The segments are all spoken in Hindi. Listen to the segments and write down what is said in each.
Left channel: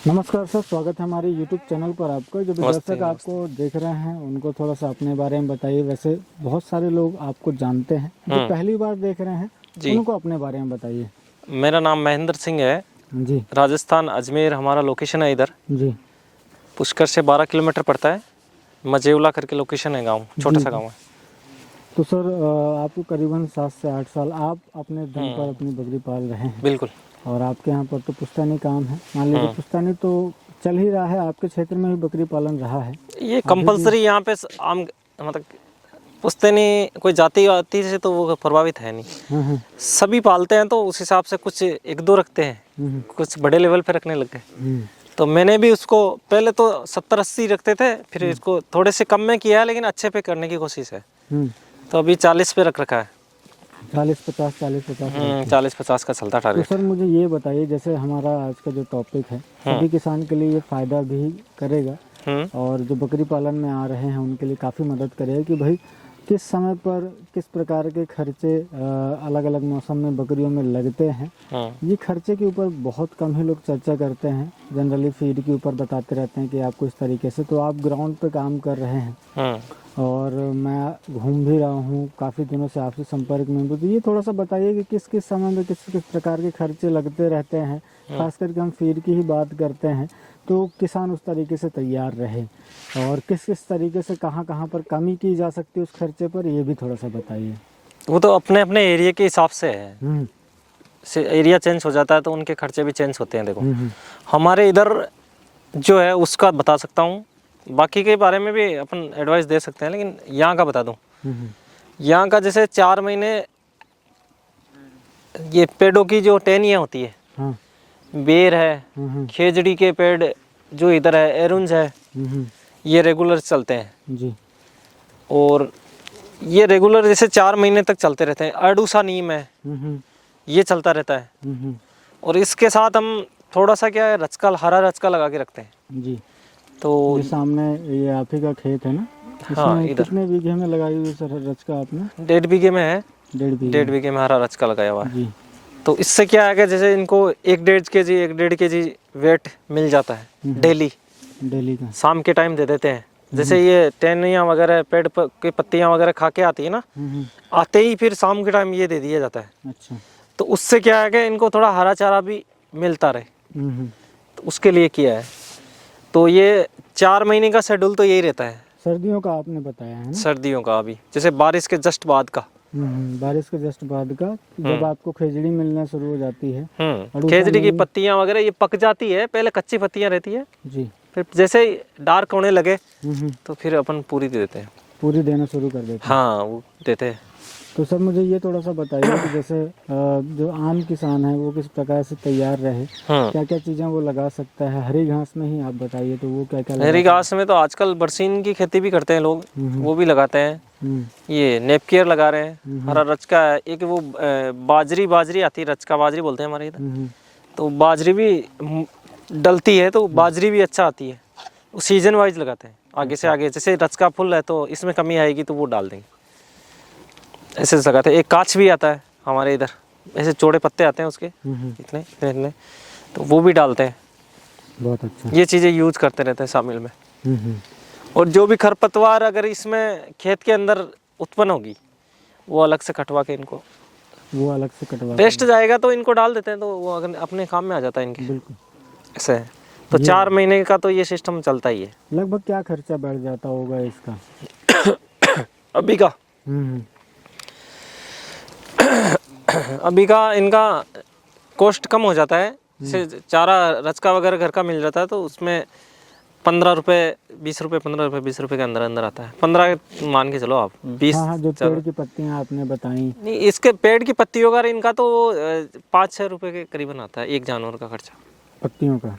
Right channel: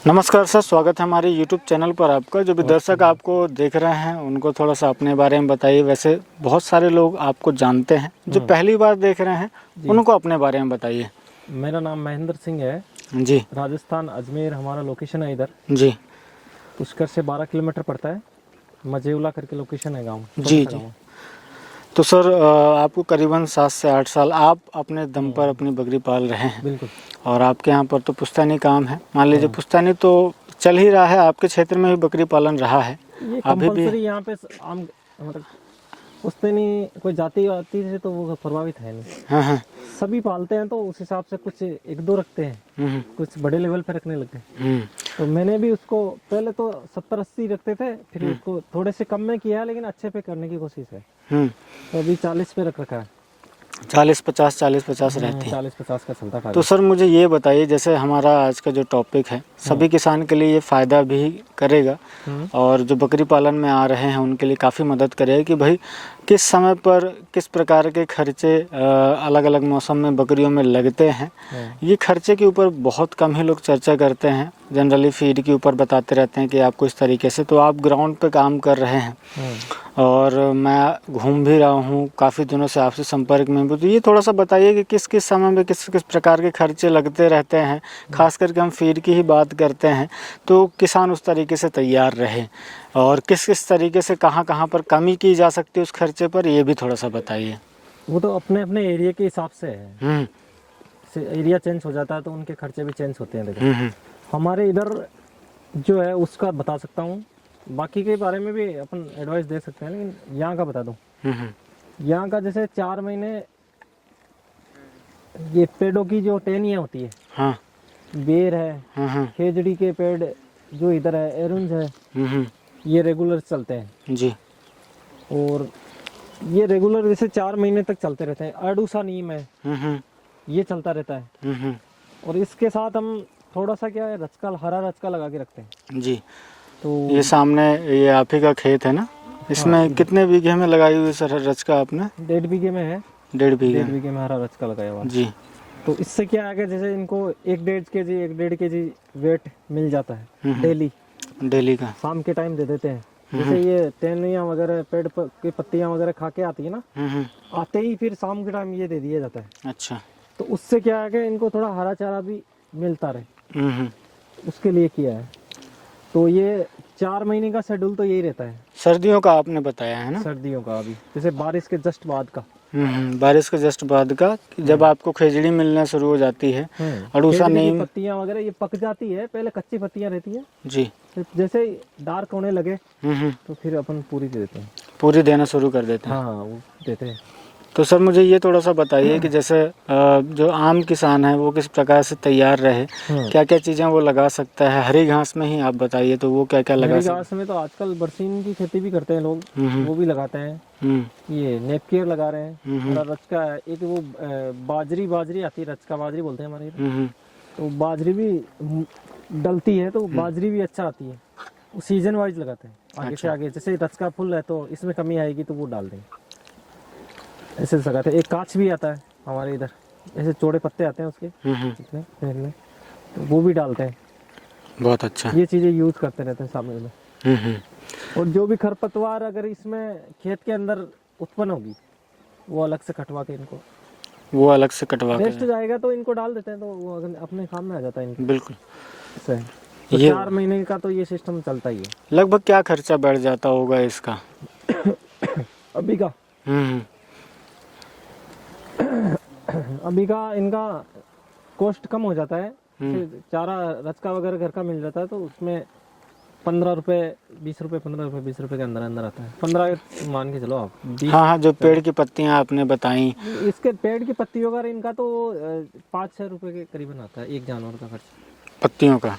नमस्कार सर, स्वागत है हमारे YouTube चैनल पर आपका। जो भी दर्शक आपको देख रहे हैं उनको थोड़ा सा अपने बारे में बताइए। वैसे बहुत सारे लोग आपको जानते हैं, जो पहली बार देख रहे हैं उनको अपने बारे में बताइए। मेरा नाम महेंद्र सिंह है जी। राजस्थान अजमेर हमारा लोकेशन है इधर जी। पुष्कर से 12 किलोमीटर पड़ता है। मजेवला करके लोकेशन है, गांव छोटा सा गांव है। तो सर आपको करीबन 7 से 8 साल आप अपने दम पर अपनी बकरी पाल रहे हैं। बिल्कुल। और आपके यहाँ पर तो पुश्तैनी काम है, मान लीजिए पुश्तैनी तो चल ही रहा है, आपके क्षेत्र में भी बकरी पालन रहा है। ये कंपलसरी यहाँ पे आम मतलब पुश्तैनी कोई जाति वाति से तो वो प्रभावित है नहीं। हाँ। सभी पालते हैं तो उस हिसाब से कुछ एक दो रखते हैं, कुछ बड़े लेवल पे रखने लग गए। तो मैंने भी उसको पहले तो 70-80 रखते थे, फिर इसको थोड़े से कम में किया है, लेकिन अच्छे पे करने की कोशिश है। तो अभी 40 पे रख रखा है। 40-50 रहती है। 40-50 का चलता टारगेट। तो सर मुझे ये बताइए, जैसे हमारा आज का जो टॉपिक है सभी किसान के लिए ये फ़ायदा भी करेगा और जो बकरी पालन में आ रहे हैं उनके लिए काफ़ी मदद करेगा कि भाई किस समय पर किस प्रकार के खर्चे अलग अलग मौसम में बकरियों में लगते हैं। ये खर्चे के ऊपर बहुत कम ही लोग चर्चा करते हैं, जनरली फीड के ऊपर बताते रहते हैं कि आपको इस तरीके से। तो आप ग्राउंड पे काम कर रहे हैं और मैं घूम भी रहा हूँ काफ़ी दिनों से आपसे संपर्क में भी। तो ये थोड़ा सा बताइए कि किस किस समय में किस किस प्रकार के खर्चे लगते रहते हैं, खास करके हम फीड की ही बात करते हैं, तो किसान उस तरीके से तैयार रहे और किस किस तरीके से कहाँ पर कमी की जा सकती है उस खर्चे पर, ये भी थोड़ा सा बताइए। वो तो अपने अपने एरिया के हिसाब से है। एरिया चेंज हो जाता है तो उनके खर्चे भी चेंज होते हैं। देखो हमारे इधर जो है उसका बता सकता हूँ, बाकी के बारे में भी अपन एडवाइस दे सकते हैं, लेकिन यहाँ का बता दूँ। यहाँ का जैसे 4 महीने ये पेड़ों की जो टहनियाँ होती है, हाँ। बेर है, खेजड़ी के पेड़ जो इधर है, एरुंज है, ये रेगुलर चलते हैं जी। और ये रेगुलर जैसे 4 महीने तक चलते रहते हैं। अडूसा नीम है, ये चलता रहता है। और इसके साथ हम थोड़ा सा क्या है, रचका, हरा रचका लगा के रखते हैं जी। तो ये सामने ये आप ही का खेत है ना, इसमें हाँ, कितने बीघे में लगाई हुई सर रचका आपने? 1.5 बीघे में है। 1.5 बीघे में हरा रचका लगाया हुआ है जी। तो इससे क्या है कि जैसे इनको 1.5 केजी वेट मिल जाता है डेली का। शाम के टाइम दे देते हैं। जैसे ये टहनियाँ वगैरह पेड़ की पत्तियाँ वगैरह खा के आती है ना, आते ही फिर शाम के टाइम ये दे दिया जाता है। अच्छा। तो उससे क्या है कि इनको थोड़ा हरा चारा भी मिलता रहे, तो उसके लिए किया है। तो ये 4 महीने का शेड्यूल तो यही रहता है। सर्दियों का आपने बताया है ना? सर्दियों का अभी जैसे बारिश के जस्ट बाद का। बारिश के जस्ट बाद का, जब आपको खेजड़ी मिलना शुरू हो जाती है, खेजड़ी की पत्तियां वगैरह ये पक जाती है, पहले कच्ची पत्तियां रहती है जी, फिर जैसे डार्क होने लगे तो फिर अपन पूरी दे देते हैं। पूरी देना शुरू कर देते हैं। हाँ वो देते हैं। तो सर मुझे ये थोड़ा सा बताइए कि जैसे जो आम किसान है वो किस प्रकार से तैयार रहे, क्या क्या चीज़ें वो लगा सकता है? हरी घास में ही आप बताइए तो वो क्या क्या लगा? हरी घास में तो आजकल बरसीन की खेती भी करते हैं लोग, वो भी लगाते हैं। ये नेपकियर लगा रहे हैं, हरा रचका है, एक वो बाजरी आती है, रचका बाजरी बोलते हैं हमारे इधर। तो बाजरी भी डलती है तो बाजरी भी अच्छा आती है। वो सीजन वाइज लगाते हैं, आगे से आगे। जैसे रचका फुल है तो इसमें कमी आएगी तो वो डाल देंगे, ऐसे लगाते हैं। एक काच भी आता है हमारे इधर, ऐसे चौड़े पत्ते आते हैं उसके इतने, तो वो भी डालते हैं। बहुत अच्छा। ये चीज़ें यूज करते रहते हैं शामिल में। और जो भी खरपतवार अगर इसमें खेत के अंदर उत्पन्न होगी वो अलग से कटवा के इनको, वो अलग से कटवा वेस्ट जाएगा तो इनको डाल देते हैं, तो वो अगर अपने काम में आ जाता है इनके। बिल्कुल ऐसे है। तो 4 महीने का तो ये सिस्टम चलता ही है। लगभग क्या खर्चा बढ़ जाता होगा इसका अभी का? अभी का इनका कॉस्ट कम हो जाता है। जैसे चारा रचका वगैरह घर का मिल जाता है तो उसमें 15 रुपये 20 रुपये 15 रुपये 20 रुपये के अंदर आता है। 15 मान के चलो आप 20। हाँ, जो पेड़ की पत्तियाँ आपने बताई, इसके पेड़ की पत्तियों का इनका तो 5-6 रुपये के करीबन आता है एक जानवर का खर्चा। पत्तियों का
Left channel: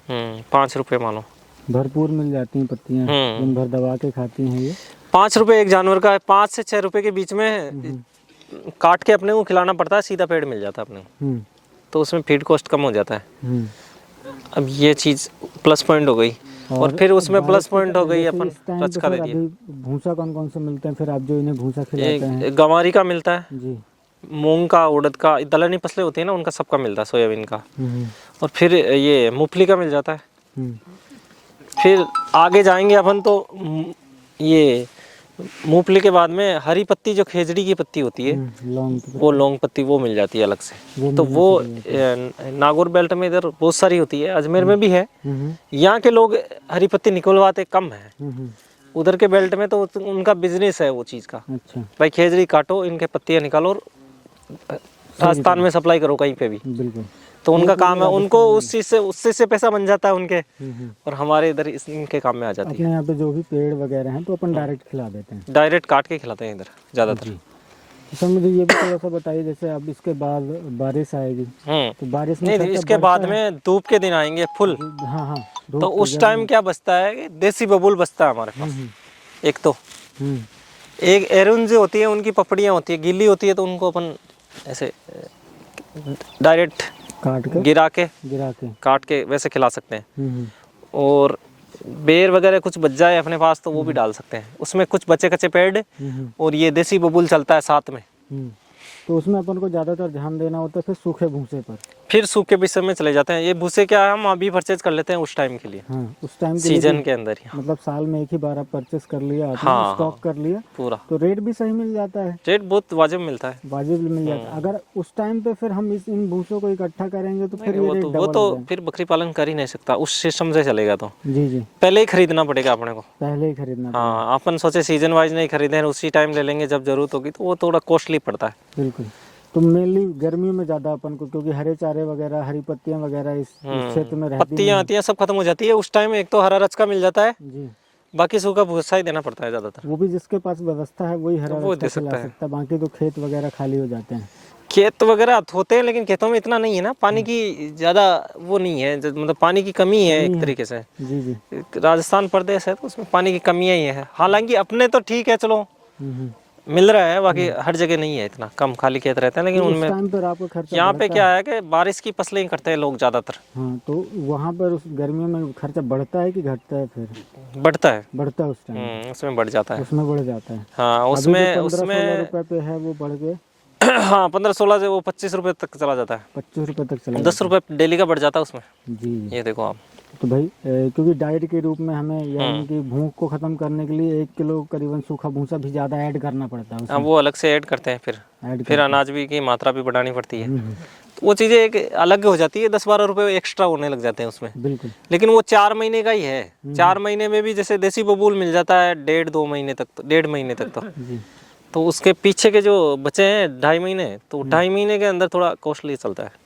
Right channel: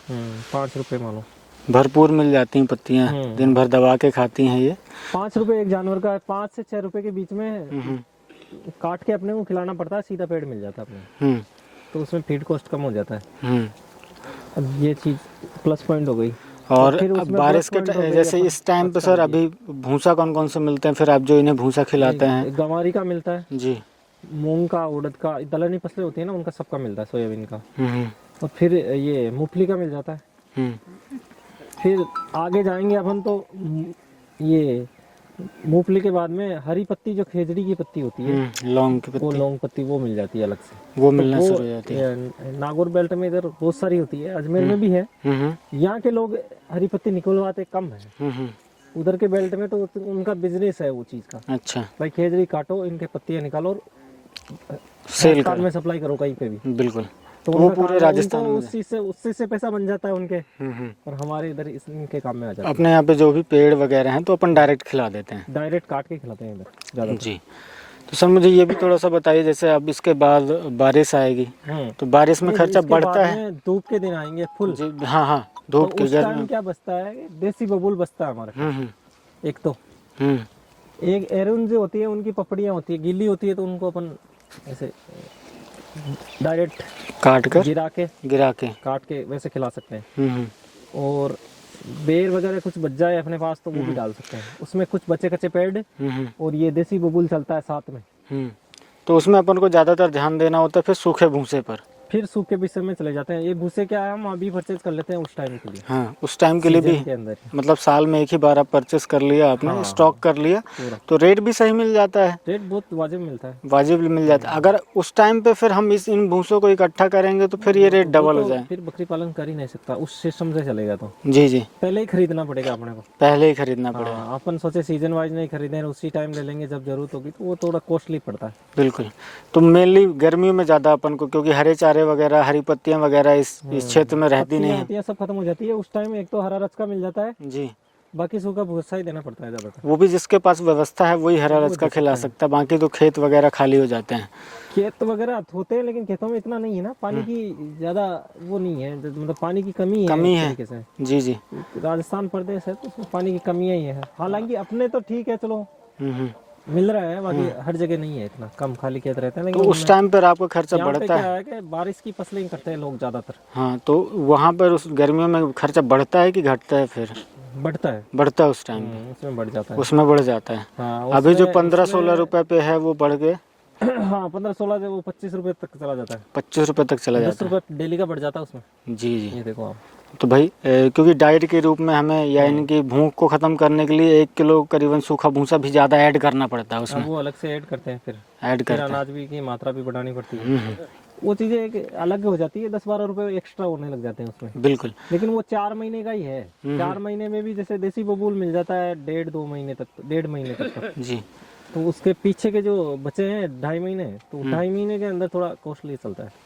5 रुपये मानो, भरपूर मिल जाती हैं पत्तियाँ, दिन भर दबा के खाती हैं ये। 5 रुपये एक जानवर का है, 5 से 6 रुपये के बीच में काट के अपने को खिलाना पड़ता है, सीधा पेड़ मिल जाता है अपने। तो उसमें फीड कॉस्ट कम हो जाता है। अब ये चीज़ प्लस पॉइंट हो गई। और फिर उसमें प्लस पॉइंट हो गई जैसे इस टाइम पे सर अभी भूसा कौन कौन से मिलते हैं फिर आप जो इन्हें भूसा खिलाते हैं? गंवारी का मिलता है जी, मूंग का, उड़द का, दलहनी फसलें होती है ना उनका सबका मिलता है, सोयाबीन का। और फिर ये मूंगफली का मिल जाता है। फिर आगे जाएंगे अपन तो ये मूंगफली के बाद में हरी पत्ती, जो खेजड़ी की पत्ती होती है, लौंग की वो लौंग पत्ती वो मिल जाती है अलग से। वो तो मिलना वो शुरू हो जाती है। नागौर बेल्ट में इधर बहुत सारी होती है, अजमेर में भी है। यहाँ के लोग हरी पत्ती निकलवाते कम है, उधर के बेल्ट में तो उनका बिजनेस है वो चीज़ का। अच्छा, भाई खेजड़ी काटो, इनके पत्तियाँ निकालो और राजस्थान में सप्लाई करो कहीं पे भी। बिल्कुल। तो उनका काम है, उनको उस चीज़ से पैसा बन जाता है उनके, और हमारे इधर इनके काम में आ जाता है। अपने यहाँ पे जो भी पेड़ वगैरह हैं तो अपन डायरेक्ट खिला देते हैं, डायरेक्ट काट के खिलाते हैं इधर ज़्यादातर। जी। तो सर मुझे ये भी थोड़ा सा बताइए, जैसे अब इसके बाद बारिश आएगी तो बारिश में खर्चा इसके बढ़ता बाद है? में धूप के दिन आएंगे फुल। हाँ हाँ, तो धूप के उस टाइम क्या बचता है कि देसी बबूल बचता है हमारे पास। एक तो एक एरुन जो होती है, उनकी पपड़ियाँ होती है, गीली होती है, तो उनको अपन ऐसे डायरेक्ट काट कर गिरा के काट के वैसे खिला सकते हैं। और बेर वगैरह कुछ बच जाए अपने पास तो वो भी डाल सकते हैं उसमें, कुछ बचे कच्चे पेड़। और ये देसी बबूल चलता है साथ में। तो उसमें अपन को ज़्यादातर ध्यान देना होता है फिर सूखे भूसे पर। फिर सूखे विषय में चले जाते हैं। ये भूसे क्या है, हम अभी परचेज कर लेते हैं उस टाइम के लिए। हाँ, उस टाइम के लिए सीजन भी, के अंदर ही। मतलब साल में एक ही बार आप परचेस कर लिया आपने, हाँ, स्टॉक कर लिया पूरा, तो रेट भी सही मिल जाता है। रेट बहुत वाजिब मिलता है, वाजिब मिल जाता है। अगर उस टाइम पे फिर हम इन भूसों को इकट्ठा करेंगे तो फिर ये रेट डबल हो जाए। फिर बकरी पालन कर ही नहीं सकता उस सिस्टम से चलेगा तो। जी जी, पहले ही खरीदना पड़ेगा अपने को, पहले ही खरीदना पड़ेगा। हाँ, अपन सोचे सीजन वाइज नहीं खरीदे, उसी टाइम ले लेंगे जब जरूरत होगी, तो वो थोड़ा कॉस्टली पड़ता है। बिल्कुल। तो मेनली गर्मियों में ज़्यादा अपन को, क्योंकि हरे चारे वगैरह, हरी पत्तियां वगैरह इस क्षेत्र में रहती नहीं पत्तियाँ हैं। आती हैं सब खत्म हो जाती है उस टाइम। एक तो हरा रचका मिल जाता है, जी, बाकी सूखा भूसा ही देना पड़ता है ज़्यादातर। वो भी जिसके पास व्यवस्था है वही हरा वो रचका दे खिला सकता है। सकता है, बाकी तो खेत वगैरह खाली हो जाते हैं। खेत वगैरह होते हैं लेकिन खेतों में इतना नहीं है ना, पानी की ज़्यादा वो नहीं है, मतलब पानी की कमी है एक तरीके से। जी जी, राजस्थान प्रदेश है तो उसमें पानी की कमियाँ ही है। हालांकि अपने तो ठीक है, चलो मिल रहा है, बाकी हर जगह नहीं है इतना, कम खाली खेत रहते हैं। लेकिन तो उस टाइम पर आपका खर्चा यहाँ बढ़ता पे क्या है कि बारिश की फसलें ही करते हैं लोग ज़्यादातर। हाँ, तो वहाँ पर उस गर्मियों में खर्चा बढ़ता है कि घटता है? फिर बढ़ता है, बढ़ता है उस टाइम, उसमें बढ़ जाता है, उसमें बढ़ जाता है। हाँ। अभी जो 15-16 रुपए पे है वो बढ़ के हाँ, 15-16 से वो 25 रुपए तक चला जाता है। 25 रुपए तक चला 10 रुपए डेली का बढ़ जाता है उसमें। जी जी, ये देखो आप। तो भाई क्योंकि डाइट के रूप में हमें, या इनकी भूख को ख़त्म करने के लिए 1 किलो करीबन सूखा भूसा भी ज़्यादा ऐड करना पड़ता है उसमें। वो अलग से ऐड करते हैं, फिर अनाज भी की मात्रा भी बढ़ानी पड़ती है। तो वो चीज़ें एक अलग हो जाती है, 10-12 रुपए एक्स्ट्रा होने लग जाते हैं उसमें। बिल्कुल। लेकिन वो 4 महीने का ही है। 4 महीने में भी जैसे देसी बबूल मिल जाता है 1.5-2 महीने तक, तो 1.5 महीने तक तो जी, तो उसके पीछे के जो बचे हैं 2.5 महीने, तो 2.5 महीने के अंदर थोड़ा कॉस्टली चलता है।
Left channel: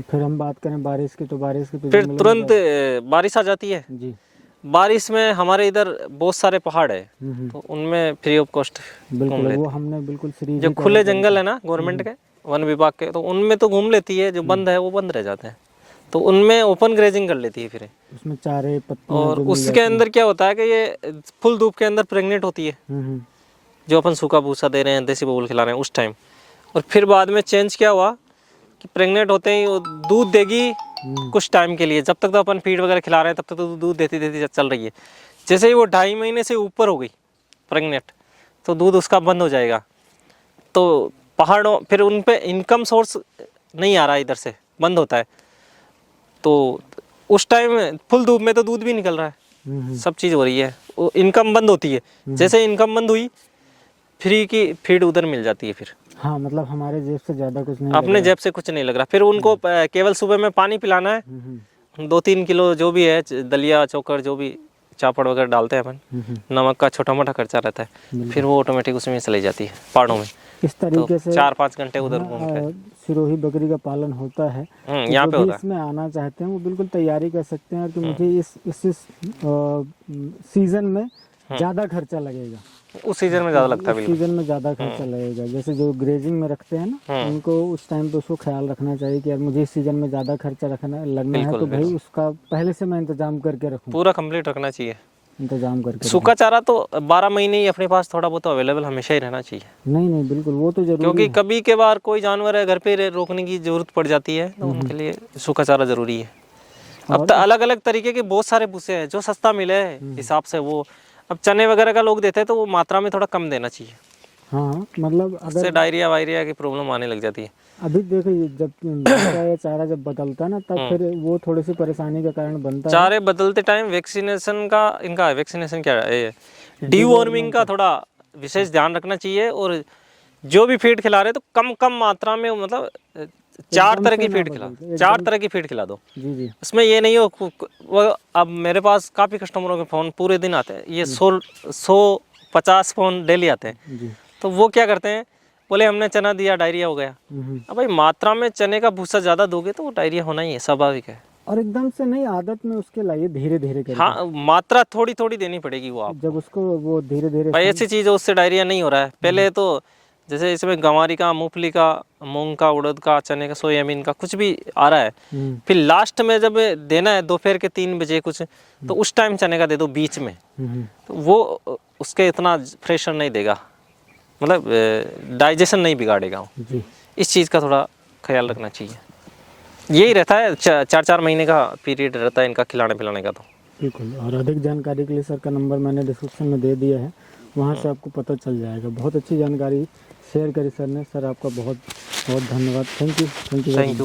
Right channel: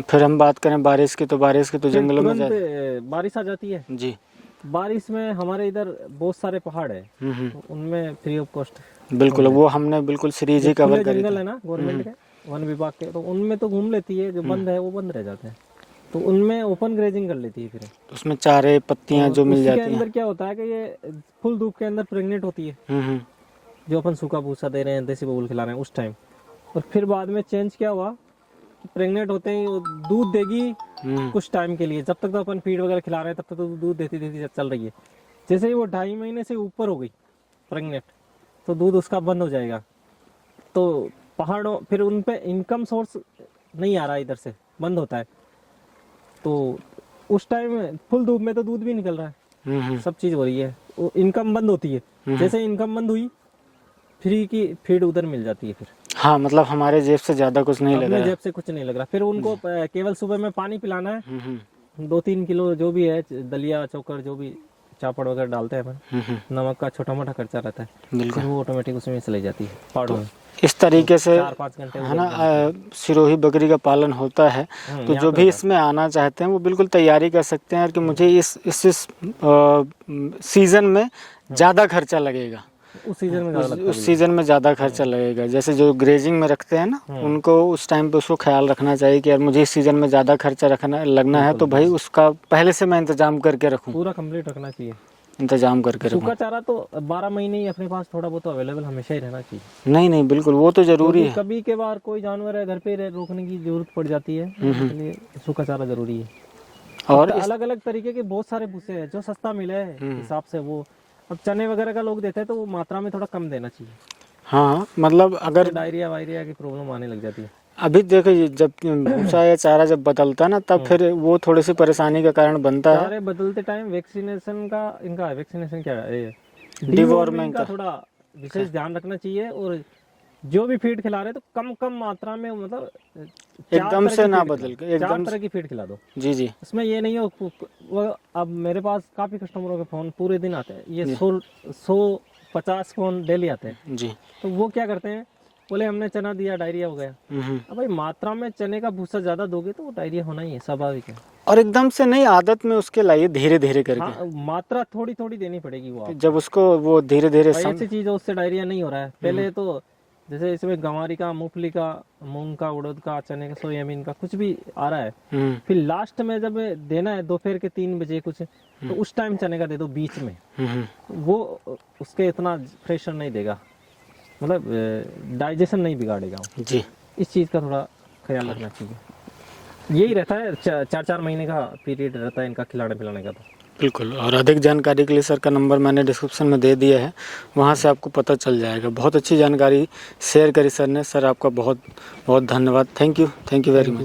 फिर हम बात करें बारिश की, तो बारिश की तो फिर जंगलों में तुरंत बारिश आ जाती है। जी, बारिश में हमारे इधर बहुत सारे पहाड़ है, तो उनमें फ्री ऑफ कॉस्ट। बिल्कुल, वो हमने बिल्कुल सीरीज जो ही कवर खुले करी जंगल है ना गवर्नमेंट के, वन विभाग के, तो उनमें तो घूम लेती है, जो बंद है वो बंद रह जाते हैं, तो उनमें ओपन ग्रेजिंग कर लेती है फिर। उसमें चारे पत्तियां जो मिल उसके जाती अंदर क्या होता है कि ये फुल धूप के अंदर प्रेग्नेंट होती है, हैं। जो अपन सूखा भूसा दे रहे हैं, देसी बबूल खिला रहे हैं उस टाइम। और फिर बाद में चेंज क्या हुआ कि प्रेग्नेंट होते ही वो दूध देगी कुछ टाइम के लिए, जब तक तो अपन फीड वगैरह खिला रहे हैं तब तक तो दूध देती देती चल रही है। जैसे ही वो 2.5 महीने से ऊपर हो गई प्रेग्नेंट, तो दूध उसका बंद हो जाएगा। तो पहाड़ों फिर उन पे इनकम सोर्स नहीं आ रहा, इधर से बंद होता है, तो उस टाइम फुल धूप में तो दूध भी निकल रहा है, सब चीज़ हो रही है, वो इनकम बंद होती है। जैसे इनकम बंद हुई, फ्री की फीड उधर मिल जाती है फिर। हाँ, मतलब हमारे जेब से ज़्यादा कुछ नहीं अपने जेब से कुछ नहीं लग रहा। फिर उनको केवल सुबह में पानी पिलाना है, 2-3 किलो जो भी है दलिया चोकर जो भी चापड़ वगैरह डालते हैं अपन, नमक का छोटा मोटा खर्चा रहता है, फिर वो ऑटोमेटिक उसमें चली जाती है पहाड़ों में। इस तरीके से 4-5 घंटे उधर सिरोही बकरी का पालन होता है। तो जो भी इसमें आना चाहते हैं वो बिल्कुल तैयारी कर सकते हैं कि मुझे इस सीजन में ज़्यादा खर्चा लगेगा, उस सीजन में ज़्यादा लगता है, उस सीजन में ज़्यादा खर्चा लगेगा। जैसे जो ग्रेजिंग में रखते हैं ना, उनको उस टाइम पे उसको ख्याल रखना चाहिए कि यार मुझे इस सीजन में ज़्यादा खर्चा लगना है, तो भाई उसका पहले से मैं इंतजाम करके रखूँ, पूरा कंप्लीट रखना चाहिए, इंतजाम करके। सूखा चारा तो 12 महीने ही अपने पास थोड़ा बहुत अवेलेबल हमेशा ही रहना चाहिए। नहीं नहीं, बिल्कुल वो तो जरूरी क्योंकि है, कभी के बार कोई जानवर है घर पे रोकने की जरूरत पड़ जाती है, तो उनके लिए सूखा चारा जरूरी है। और अलग अलग तरीके के बहुत सारे भूसे हैं जो सस्ता मिले हिसाब से, वो अब चने वगैरह का लोग देते हैं तो वो मात्रा में थोड़ा कम देना चाहिए। हाँ, मतलब अगर डायरिया वायरिया की प्रॉब्लम आने लग जाती है। अभी देखो ये जब भूसा या चारा जब बदलता है ना तब फिर वो थोड़ी सी परेशानी का कारण बनता है। चारे बदलते टाइम वैक्सीनेशन का, इनका वैक्सीनेशन क्या है, डीवॉर्मिंग का थोड़ा विशेष ध्यान रखना चाहिए। और जो भी फीड खिला रहे तो कम कम मात्रा में, मतलब चार एकदम तरह से की ना फीड बदल के, खिलाओ, 4 तरह की फीड खिला दो। जी जी। इसमें ये नहीं हो वो, अब मेरे पास काफ़ी कस्टमरों के फ़ोन पूरे दिन आते हैं, ये 150 फ़ोन डेली आते हैं। जी। तो वो क्या करते हैं, बोले हमने चना दिया डायरिया हो गया। अब भाई मात्रा में चने का भूसा ज़्यादा दोगे तो वो डायरिया होना ही है, स्वाभाविक है। और एकदम से नहीं, आदत में उसके लाइए धीरे धीरे करके। हाँ, मात्रा थोड़ी थोड़ी देनी पड़ेगी वो आप। जब उसको वो धीरे धीरे भाई ऐसी चीज़ है उससे डायरिया नहीं हो रहा है। पहले तो जैसे इसमें गंवारी का, मूंगफली का, मूंग का, उड़द का, चने का, सोयाबीन का कुछ भी आ रहा है, फिर लास्ट में जब देना है दोपहर के 3 बजे कुछ, तो उस टाइम चने का दे दो बीच में, तो वो उसके इतना प्रेशर नहीं देगा, मतलब डाइजेशन नहीं बिगाड़ेगा जी। इस चीज़ का थोड़ा ख्याल रखना चाहिए। यही रहता है, 4-4 महीने का पीरियड रहता है इनका खिलाने पिलाने का। तो बिल्कुल, और अधिक जानकारी के लिए सर का नंबर मैंने डिस्क्रिप्शन में दे दिया है, वहाँ से आपको पता चल जाएगा। बहुत अच्छी जानकारी शेयर करी सर ने। सर आपका बहुत बहुत धन्यवाद। Thank you very much.